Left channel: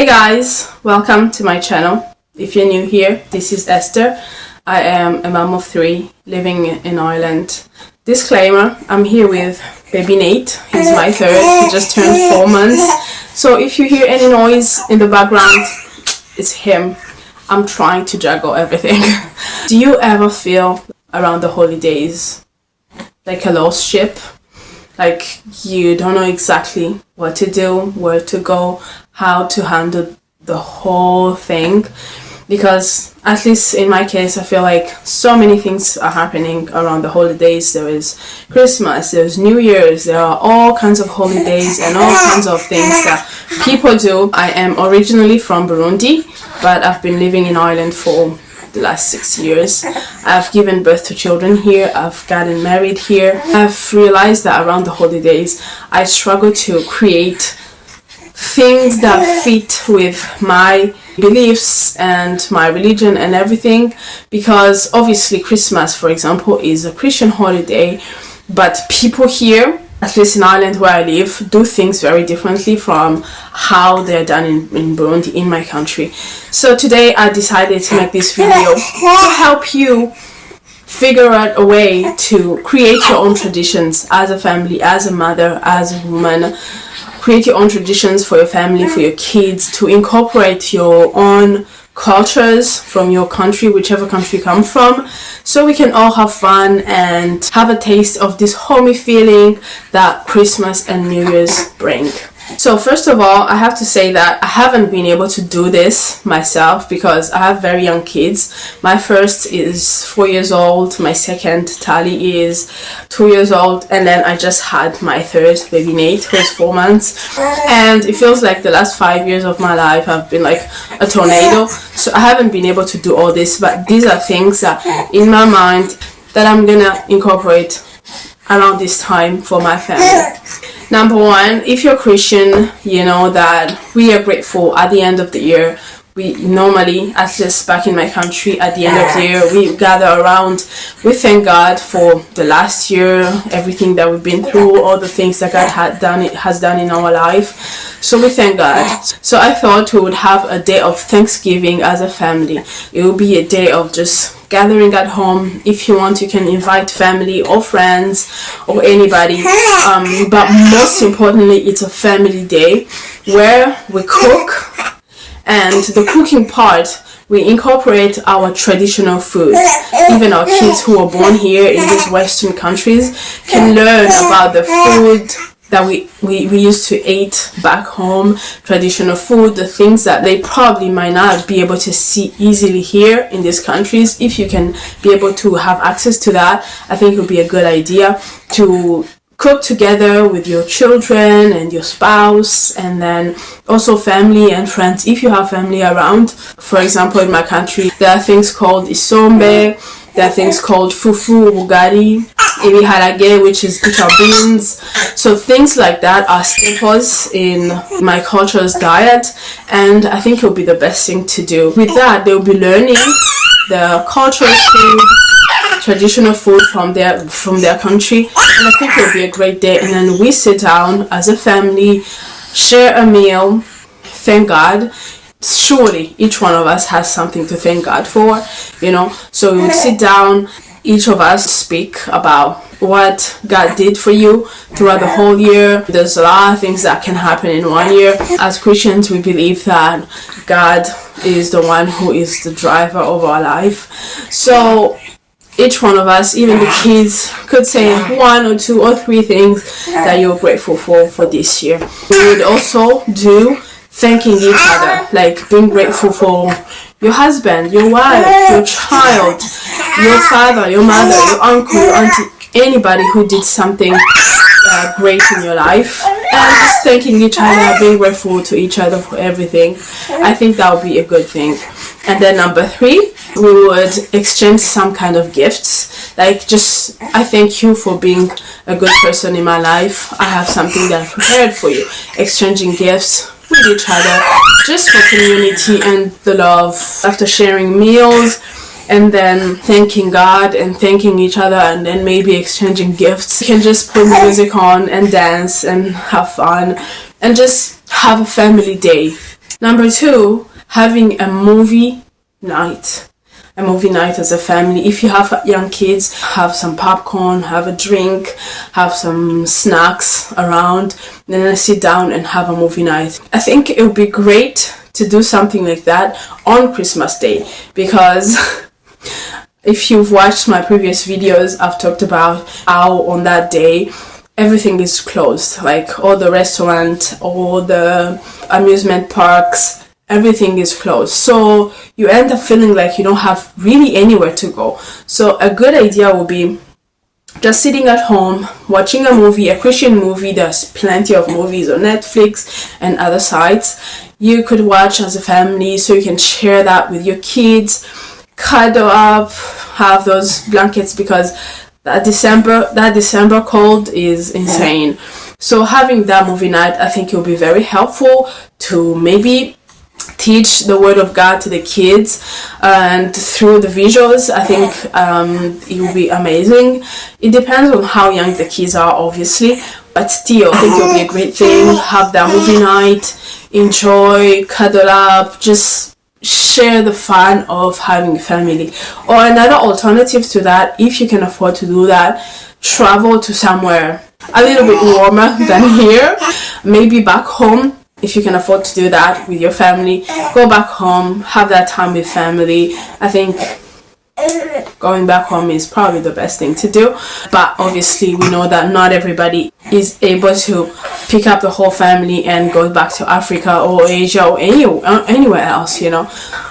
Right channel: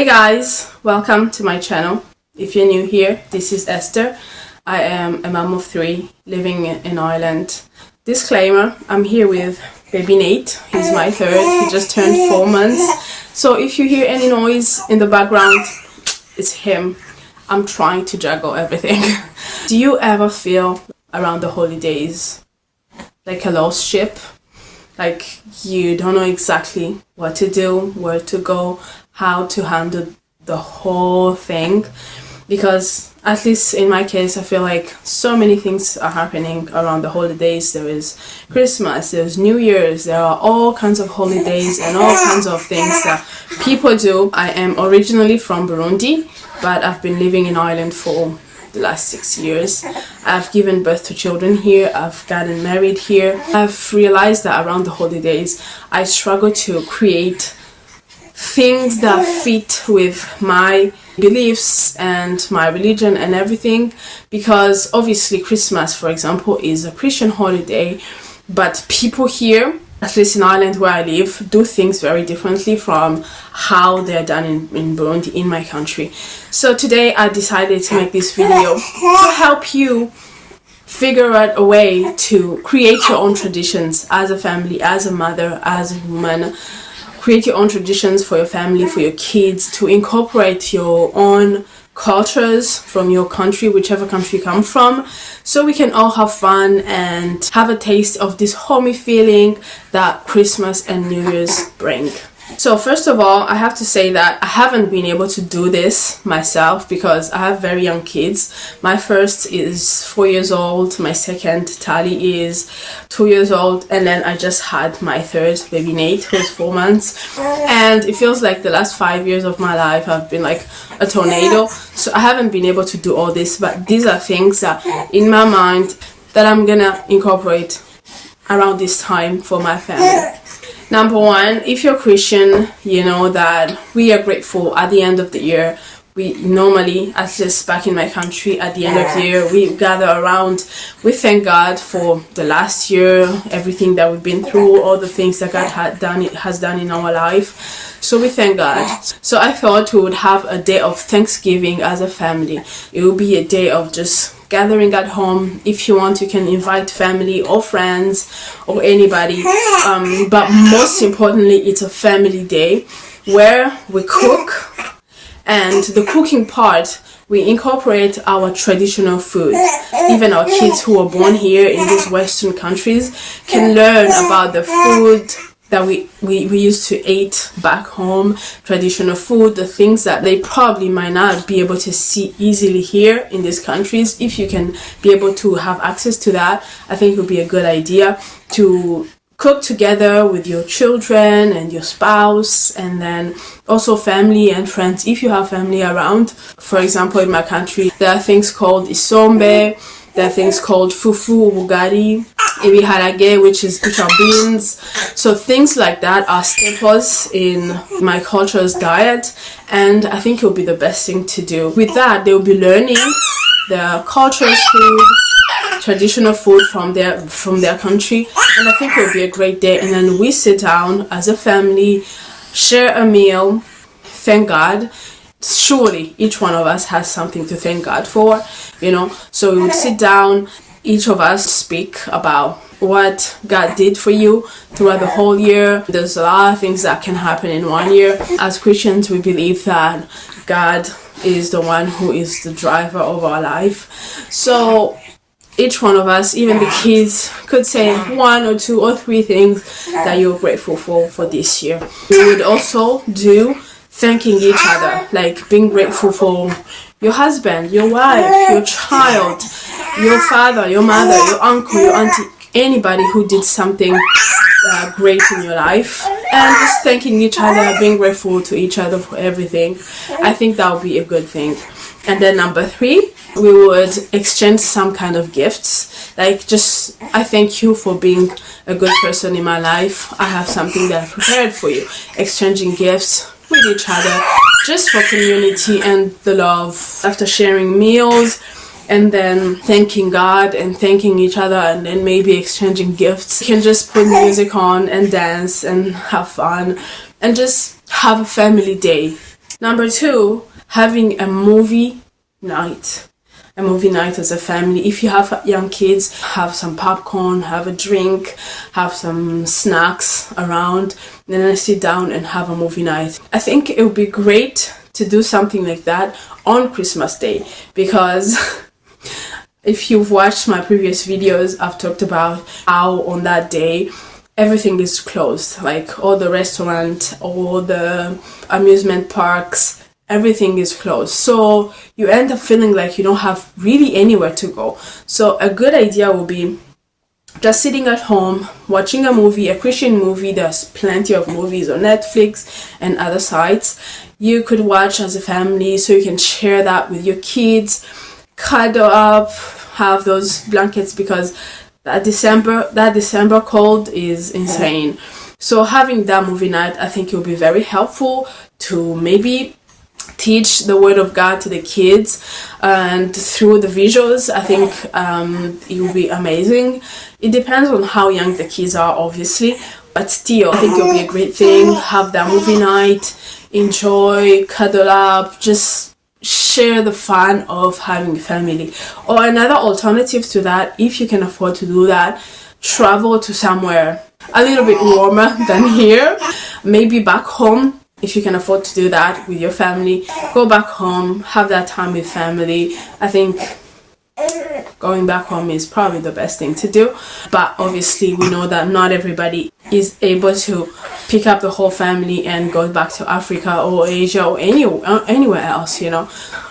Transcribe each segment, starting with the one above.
Hey guys, welcome to my channel. If you're new here, this is Esther. I am a mom of 3 living in Ireland. Disclaimer, I'm here with baby Nate. He's my 3rd. He just turned 4 months. So if you hear any noise in the background, it's him. I'm trying to juggle everything. Do you ever feel around the holidays like a lost ship? Like you don't know exactly what to do, where to go, how to handle the whole thing? Because at least in my case, I feel like so many things are happening around the holidays. There is Christmas, there's New Year's, there are all kinds of holidays and all kinds of things that people do. I am originally from Burundi, but I've been living in Ireland for the last 6 years. I've given birth to children here. I've gotten married here. I've realized that around the holidays, I struggle to create things that fit with my beliefs and my religion and everything, because obviously Christmas, for example, is a Christian holiday, but people here, at least in Ireland where I live, do things very differently from how they're done in Burundi, in my country. So today I decided to make this video to help you figure out a way to create your own traditions as a family, as a mother, as a woman. Create your own traditions for your family, for your kids, to incorporate your own cultures from your country, whichever country you come from, so we can all have fun and have a taste of this homey feeling that Christmas and New Year's bring. So first of all, I have to say that I haven't been able to do this myself because I have very young kids. My first is 4 years old, my second, Tali, is 2 years old, and then I just had my 3rd, baby Nate, who is 4 months. And it feels like the last 5 years of my life have been like a tornado. So I haven't been able to do all this, but these are things that in my mind that I'm gonna incorporate around this time for my family. Number 1, if you're Christian, you know that we are grateful at the end of the year. We normally, at least back in my country, at the end of the year, we gather around. We thank God for the last year, everything that we've been through, all the things that God has done in our life. So we thank God. So I thought we would have a day of Thanksgiving as a family. It will be a day of just gathering at home. If you want, you can invite family or friends or anybody. But most importantly, it's a family day where we cook. And the cooking part, we incorporate our traditional food. Even our kids who are born here in these Western countries can learn about the food that we used to eat back home, traditional food, the things that they probably might not be able to see easily here in these countries. If you can be able to have access to that, I think it would be a good idea to cook together with your children and your spouse, and then also family and friends if you have family around. For example, in my country, there are things called isombe, there are things called fufu, bugari, ibiharage, which are beans. So things like that are staples in my culture's diet, and I think it will be the best thing to do. With that, they will be learning the cultural food, traditional food from their country, and I think it will be a great day. And then we sit down as a family, share a meal, thank God. Surely each one of us has something to thank God for, you know. So we would sit down, each of us speak about what God did for you throughout the whole year. There's a lot of things that can happen in 1 year. As Christians, we believe that God is the one who is the driver of our life. So each one of us, even the kids, could say 1 or 2 or 3 things that you're grateful for this year. We would also do thanking each other, like being grateful for your husband, your wife, your child, your father, your mother, your uncle, your auntie, anybody who did something great in your life, and just thanking each other, being grateful to each other for everything. I think that would be a good thing. And then number 3, we would exchange some kind of gifts, like just, I thank you for being a good person in my life. I have something that I've prepared for you. Exchanging gifts with each other, just for community and the love. After sharing meals, and then thanking God and thanking each other, and then maybe exchanging gifts. You can just put music on and dance and have fun and just have a family day. Number 2, having a movie night. A movie night as a family. If you have young kids, have some popcorn, have a drink, have some snacks around, then sit down and have a movie night. I think it would be great to do something like that on Christmas Day, because if you've watched my previous videos, I've talked about how on that day everything is closed, like all the restaurants, all the amusement parks, everything is closed. So you end up feeling like you don't have really anywhere to go. So a good idea would be just sitting at home, watching a movie, a Christian movie. There's plenty of movies on Netflix and other sites you could watch as a family, so you can share that with your kids, cuddle up, have those blankets, because that December cold is insane. So having that movie night, I think it will be very helpful to maybe teach the word of God to the kids, and through the visuals, I think it will be amazing. It depends on how young the kids are, obviously, but still, I think it will be a great thing. Have that movie night, enjoy, cuddle up, just share the fun of having a family. Or another alternative to that, if you can afford to do that, travel to somewhere a little bit warmer than here, maybe back home. If you can afford to do that with your family, go back home, have that time with family. I think going back home is probably the best thing to do, but obviously we know that not everybody is able to pick up the whole family and go back to Africa or Asia or anywhere else, you know.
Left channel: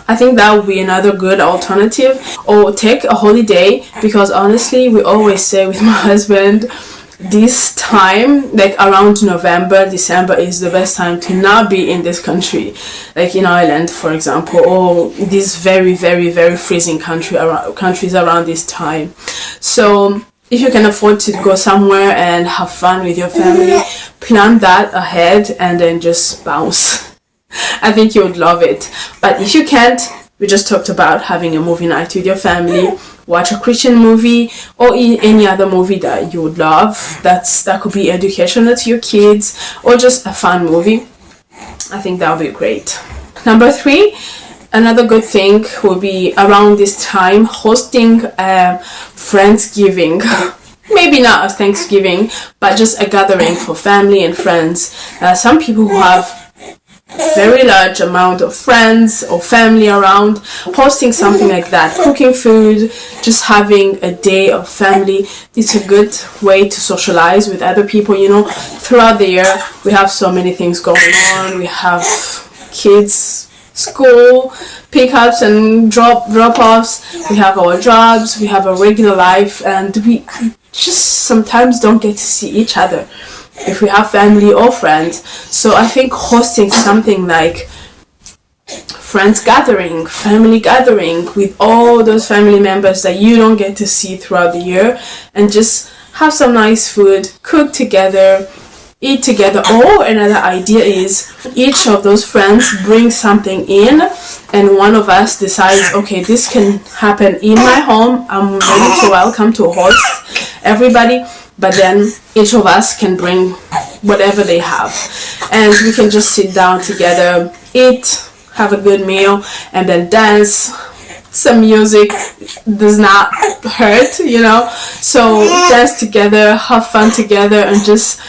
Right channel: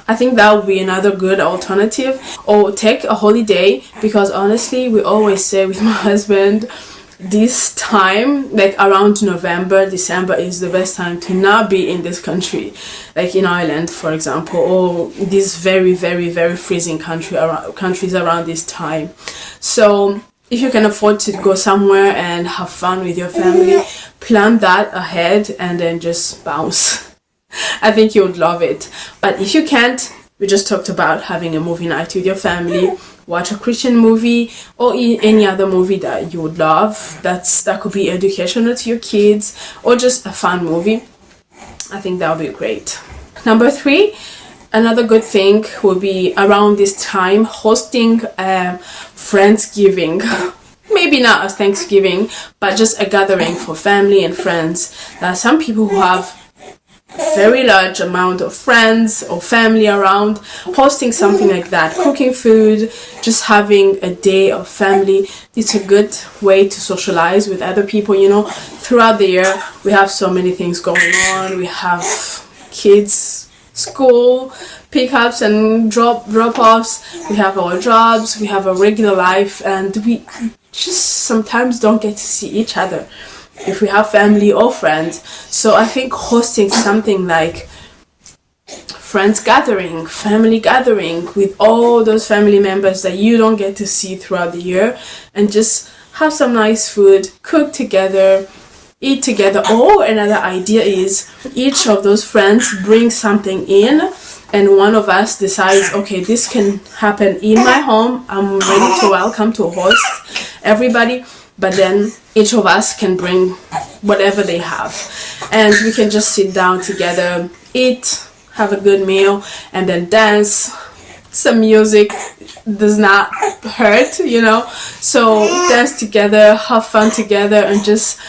I think that would be another good alternative. Or take a holiday, because honestly, we always say with my husband, this time, like around November, December, is the best time to not be in this country, like in Ireland, for example, or these very, very, very freezing countries around this time. So if you can afford to go somewhere and have fun with your family, plan that ahead and then just bounce. I think you would love it. But if you can't, we just talked about having a movie night with your family. Watch a Christian movie or any other movie that you would love. That could be educational to your kids, or just a fun movie. I think that would be great. Number 3, another good thing will be around this time hosting a Friendsgiving. Maybe not a Thanksgiving, but just a gathering for family and friends. Some people who have very large amount of friends or family around, hosting something like that, cooking food, just having a day of family. It's a good way to socialize with other people. You know, throughout the year we have so many things going on. We have kids, school pickups and drop-offs, we have our jobs, we have a regular life, and we just sometimes don't get to see each other if we have family or friends. So I think hosting something like friends gathering, family gathering with all those family members that you don't get to see throughout the year, and just have some nice food, cook together, eat together. Or another idea is each of those friends brings something in, and one of us decides, okay, this can happen in my home, I'm ready to welcome to host everybody. But then each of us can bring whatever they have, and we can just sit down together, eat, have a good meal, and then dance. Some music does not hurt, you know. So dance together, have fun together, and just,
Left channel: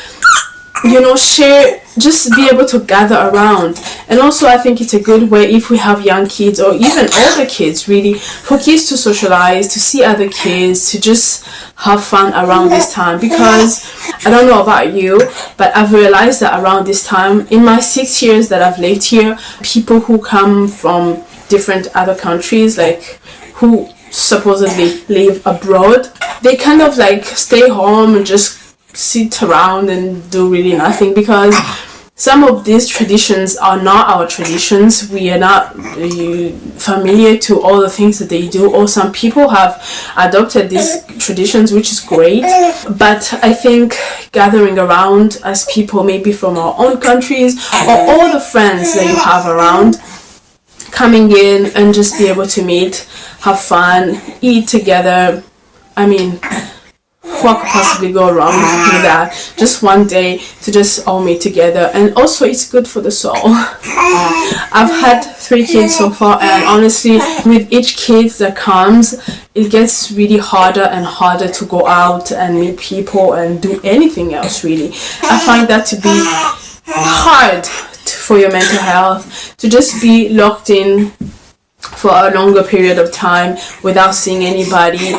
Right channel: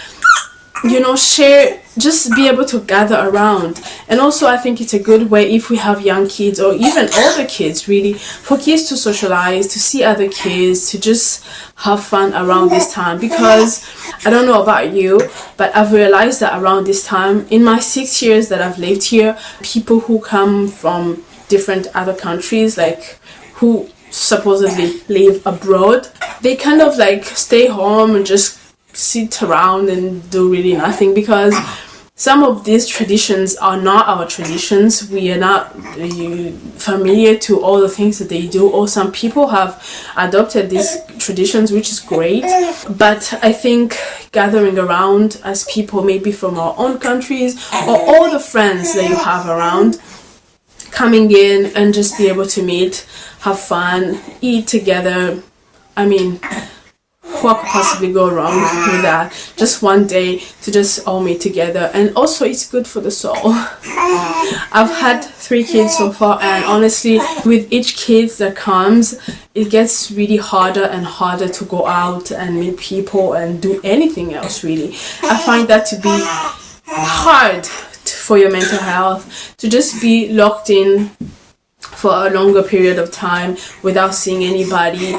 you know, share, just be able to gather around. And also I think it's a good way, if we have young kids or even older kids, really, for kids to socialize, to see other kids, to just have fun around this time. Because I don't know about you, but I've realized that around this time, in my 6 years that I've lived here, people who come from different other countries, like who supposedly live abroad, they kind of like stay home and just sit around and do really nothing, because some of these traditions are not our traditions. We are not familiar to all the things that they do, or some people have adopted these traditions, which is great. But I think gathering around as people maybe from our own countries, or all the friends that you have around, coming in and just be able to meet, have fun, eat together. I mean, what could possibly go wrong with that? Just one day to just all meet together. And also it's good for the soul. I've had 3 kids so far, and honestly, with each kid that comes, it gets really harder and harder to go out and meet people and do anything else, really. I find that to be hard for your mental health, to just be locked in for a longer period of time without seeing anybody,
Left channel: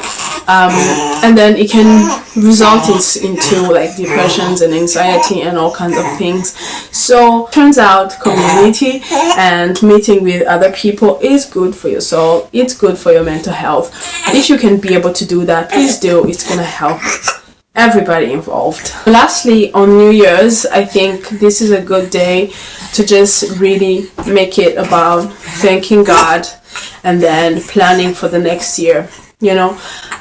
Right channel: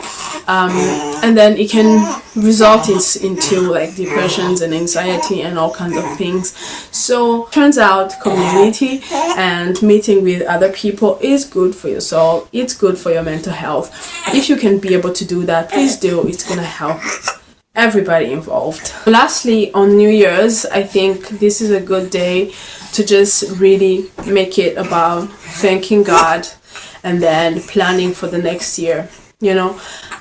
and then it can result into like depressions and anxiety and all kinds of things. So turns out community and meeting with other people is good for your soul. It's good for your mental health. If you can be able to do that, please do. It's gonna help everybody involved. Lastly, on New Year's, I think this is a good day to just really make it about thanking God and then planning for the next year. You know,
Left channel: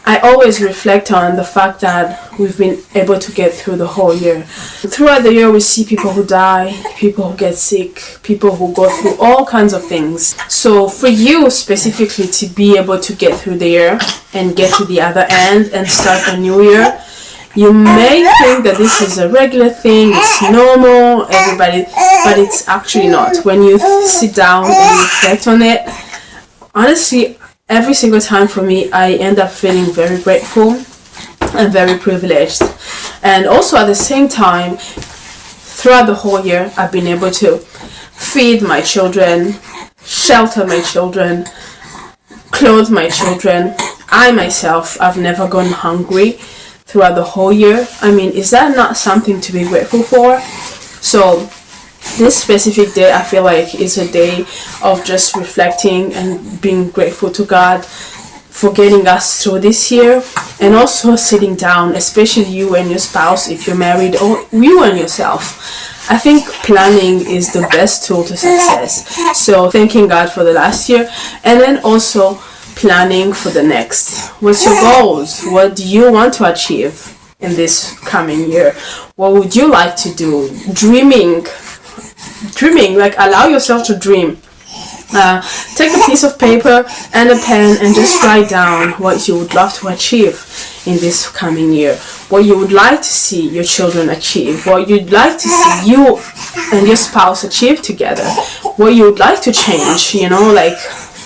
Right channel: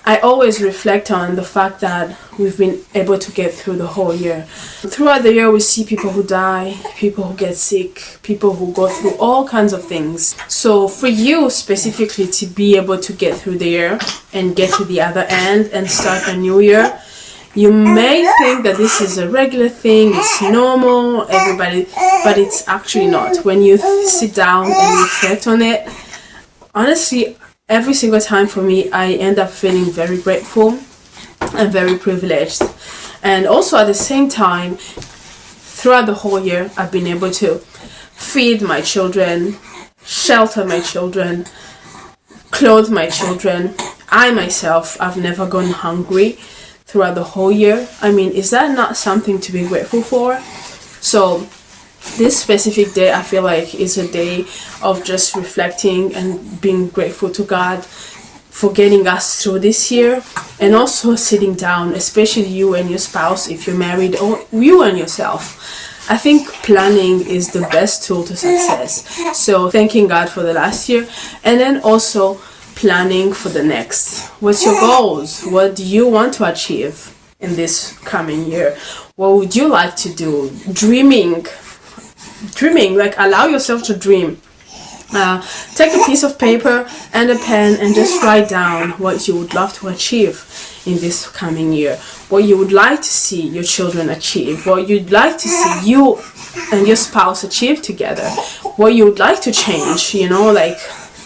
I always reflect on the fact that we've been able to get through the whole year. Throughout the year, we see people who die, people who get sick, people who go through all kinds of things. So for you specifically to be able to get through the year and get to the other end and start a new year, you may think that this is a regular thing, it's normal, everybody, but it's actually not. When you sit down and reflect on it, honestly, every single time for me, I end up feeling very grateful and very privileged. And also at the same time, throughout the whole year, I've been able to feed my children, shelter my children, clothe my children. I myself, I've never gone hungry throughout the whole year. I mean, is that not something to be grateful for? So this specific day, I feel like, is a day of just reflecting and being grateful to God for getting us through this year, and also sitting down, especially you and your spouse if you're married, or you and yourself. I think planning is the best tool to success. So thanking God for the last year, and then also planning for the next. What's your goals? What do you want to achieve in this coming year? What would you like to do? Dreaming, like allow yourself to dream. Take a piece of paper and a pen and just write down what you would love to achieve in this coming year, what you would like to see your children achieve, what you'd like to see you and your spouse achieve together, what you would like to change. You know, like,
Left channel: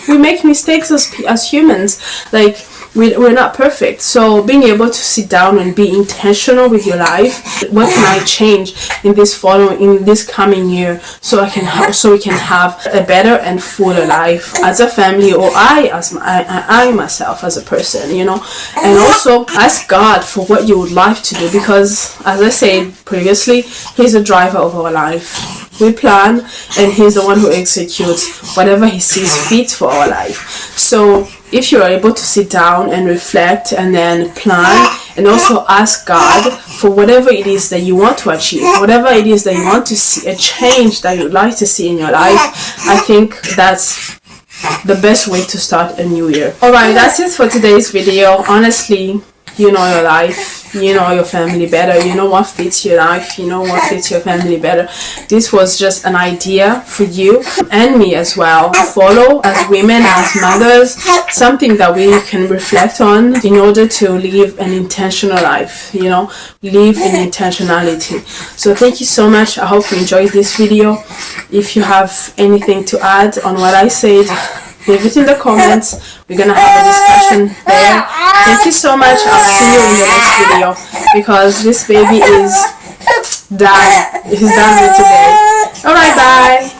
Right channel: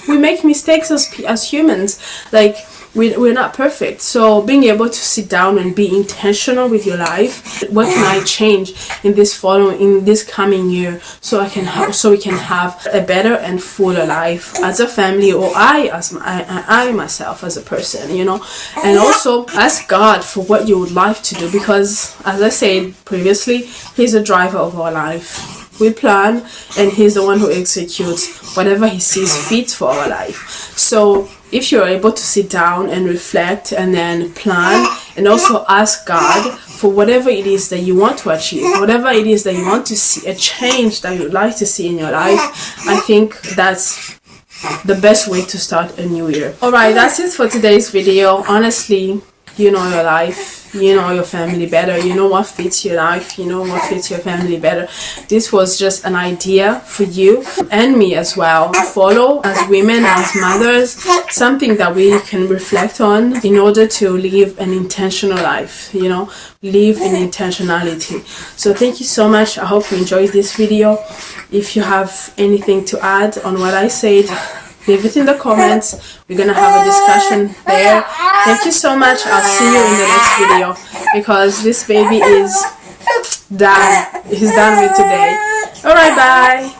we make mistakes as humans, like we're not perfect. So being able to sit down and be intentional with your life, what can I change in this coming year, so we can have a better and fuller life as a family, or I myself as a person, you know. And also ask God for what you would like to do, because as I said previously, He's the driver of our life. We plan, and He's the one who executes whatever He sees fit for our life. So if you are able to sit down and reflect and then plan, and also ask God for whatever it is that you want to achieve, whatever it is that you want to see, a change that you'd like to see in your life, I think that's the best way to start a new year. Alright, that's it for today's video. Honestly, you know your life, you know your family better, you know what fits your life, you know what fits your family better. This was just an idea for you and me as well to follow as women, as mothers, something that we can reflect on in order to live an intentional life, you know, live in intentionality. So thank you so much. I hope you enjoyed this video. If you have anything to add on what I said, leave it in the comments. We're gonna have a discussion there. Thank you so much. I'll see you in the next video, because this baby is done. He's done with today. Alright, bye.